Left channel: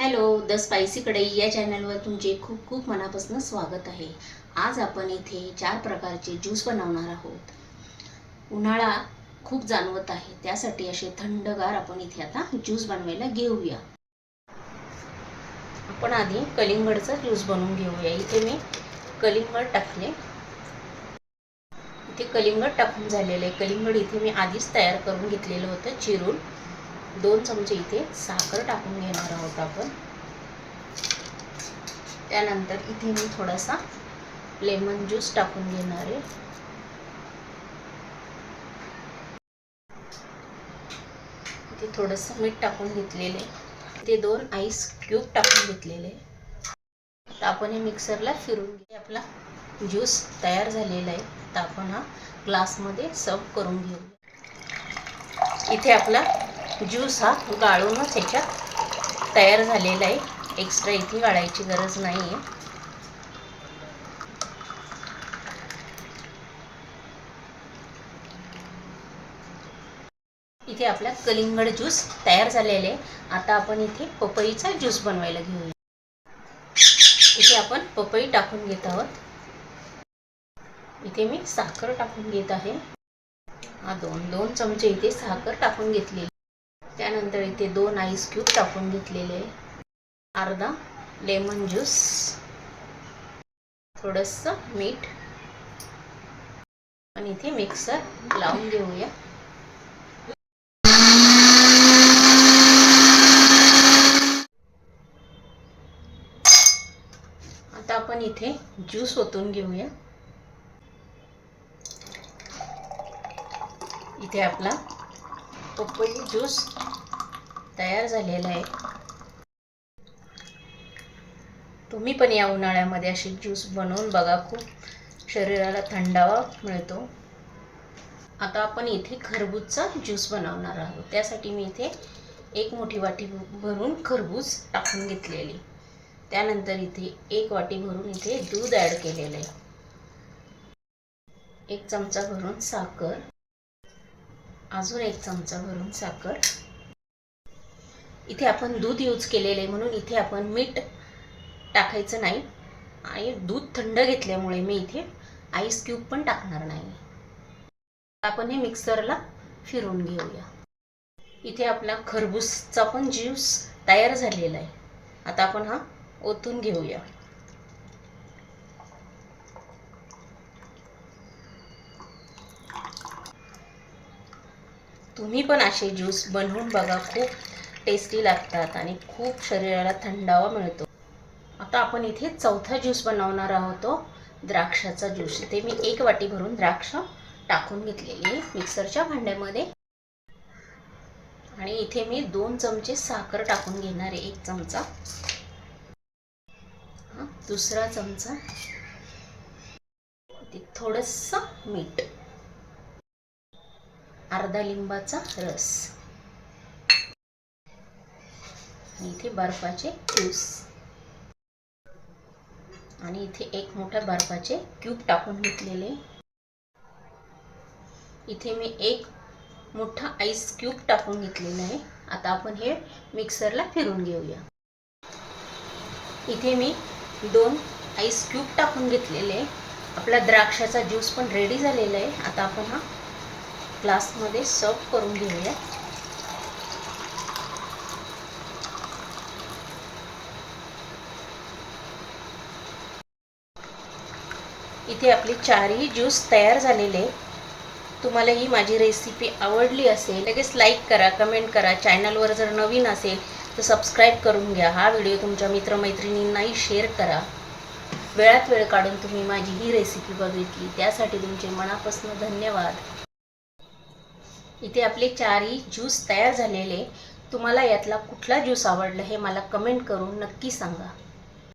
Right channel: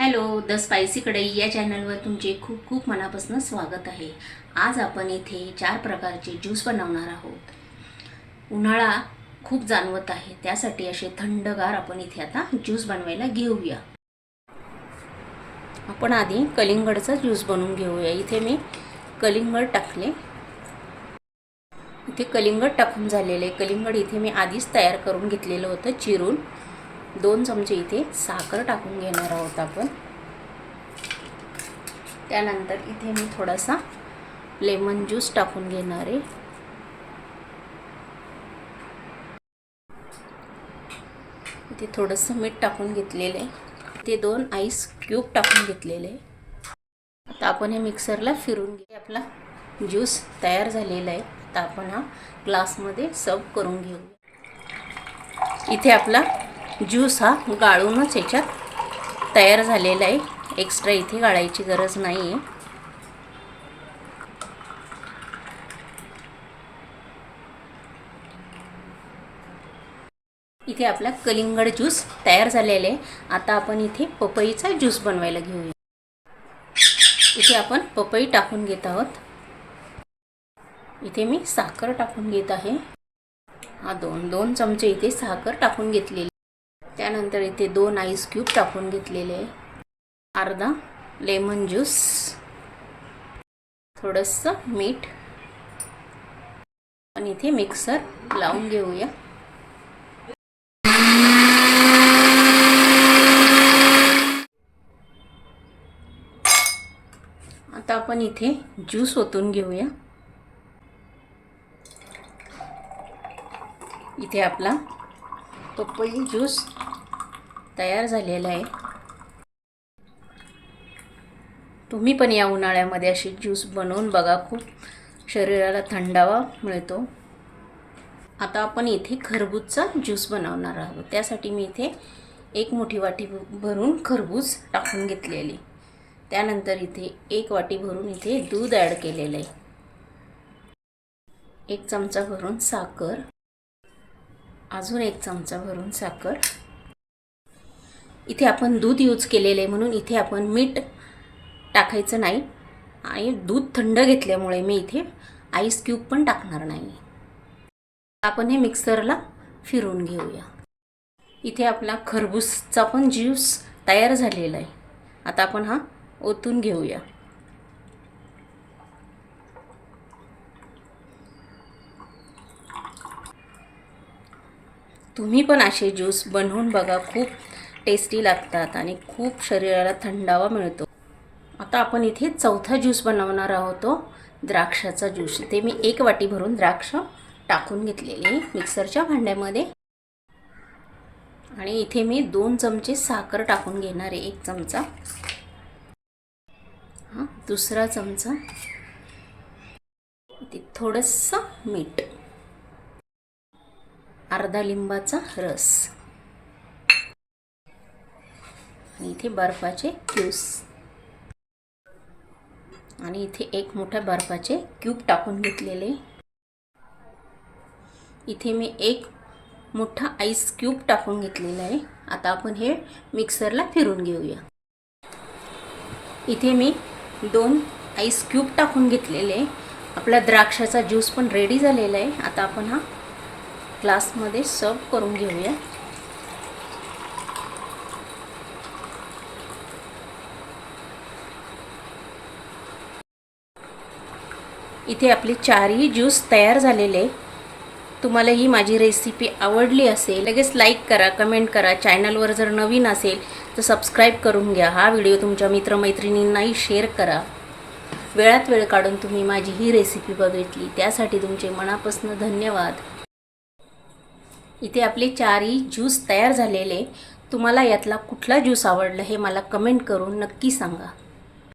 Hello the spicy कढई या चॅनलवर तुमचे खूप खूप मनापासून स्वागत आहे. आज आपण इथे चार प्रकारचे ज्यूस बनवणार आहोत. उन्हाळा खूप जाणवत आहे. त्यासाठी असे थंडगार आपण इथे आता ज्यूस बनवायला घेऊया. आपण आधी कलिंगडचा ज्यूस बनवून घेऊया. इथे मी कलिंगड टाकले. इथे कलिंगड टाकून झालेले कलिंगड इथे मी आधीच तयार करून घेतलेलं होतं चिरून. दोन चमचे इथे साखर टाकून घेणार आहोत आपण. त्यानंतर इथे मी थोडासा लेमन ज्यूस टाकून घेणार आहे. इथे थोडंसं मीठ टाकून घेतलेलं आहे. इथे दोन आईस क्यूब टाकून घेतलेले आहे. आपण हे मिक्सरला फिरून घे आपला ज्यूस तयार झालेला आहे. तर आपण हा ग्लासमध्ये सर्व करून घेऊ इथे आपला ज्यूस हा गाळूनच ह्याच्यात तयार झालेला आहे. एक्स्ट्रा इथे गाळायची गरज नाही आहे इथे आपला कलिंगड ज्यूस तयार झालेला आहे. आता आपण इथे पपईचा ज्यूस बनवायला घेऊया. इथे आपण पपई टाकून घेत आहोत. इथे मी साखर टाकून घेत आहे. हा दोन दोन चमचे इथे साखर टाकून घेतलेली त्यानंतर इथे दोन आईस क्यूब टाकून घेतलेले आहे. अर्धा लेमन ज्यूस थोडंसं मीठ आणि इथे मिक्सर लावून घेऊया. आता आपण इथे ज्यूस ओतून घेऊया. इथे आपला पपई ज्यूस तयार झालेला आहे. तुम्ही पण या उन्हाळ्यामध्ये अशी ज्यूस बनवून बघा खूप शरीराला थंडावा मिळतो. आता आपण इथे खरबूजचा ज्यूस बनवणार आहोत. त्यासाठी मी इथे एक मोठी वाटी भरून खरबूज टाकून घेतलेली. त्यानंतर इथे एक वाटी भरून इथे दूध ॲड केलेलं आहे. एक चमचा भरून साखर. अजून एक चमचा भरून साखर. इथे आपण दूध यूज केलेले आहे म्हणून इथे आपण मीठ टाकायचं नाही. आणि दूध थंड घेतल्यामुळे मी इथे आईस क्यूब पण टाकणार नाही. आपण हे मिक्सरला फिरून घेऊया. इथे आपला खरबूजचा पण ज्यूस तयार झालेला आहे. आता आपण हा ओतून घेऊया. तुम्ही पण असे ज्यूस बनवून बघा खूप टेस्टी लागतात आणि खूप शरीराला थंडावा मिळतो. आता आपण इथे चौथा ज्यूस बनवणार आहोत द्राक्षाचा ज्यूस. ते मी एक वाटी भरून द्राक्ष टाकून घेतलेली मिक्सरच्या भांड्यामध्ये. आणि इथे मी दोन चमचे साखर टाकून घेणार आहे एक चमचा. हा दुसरा चमचा. थोडंसं मीठ. अर्धा लिंबाचा रस. आणि इथे बर्फाचे क्यूब्स. आणि इथे एक मोठ्या बर्फाचे क्यूब टाकून घेतलेले. इथे मी एक मोठा आईस क्यूब टाकून घेतलेला आहे. आता आपण हे मिक्सरला फिरून घेऊया. इथे मी दोन आईस क्यूब टाकून घेतलेले. आपला द्राक्षाचा ज्यूस पण रेडी झालेला आहे. आता आपण हा ग्लासमध्ये सर्व करून घेऊया. इथे आपले चारही ज्यूस तयार झालेले. तुम्हाला ही माझी रेसिपी आवडली असेल लगेच लाईक करा कमेंट करा. चॅनलवर जर नवीन असेल तर सबस्क्राईब करून घ्या. हा व्हिडिओ तुमच्या मित्रमैत्रिणींनाही शेअर करा. वेळात वेळ काढून तुम्ही माझी ही रेसिपी बघितली. त्यासाठी तुमचे मनापासून धन्यवाद. इथे आपले चारही ज्यूस तयार झालेले. तुम्हाला यातला कुठला ज्यूस आवडला हे मला कमेंट करून नक्की सांगा.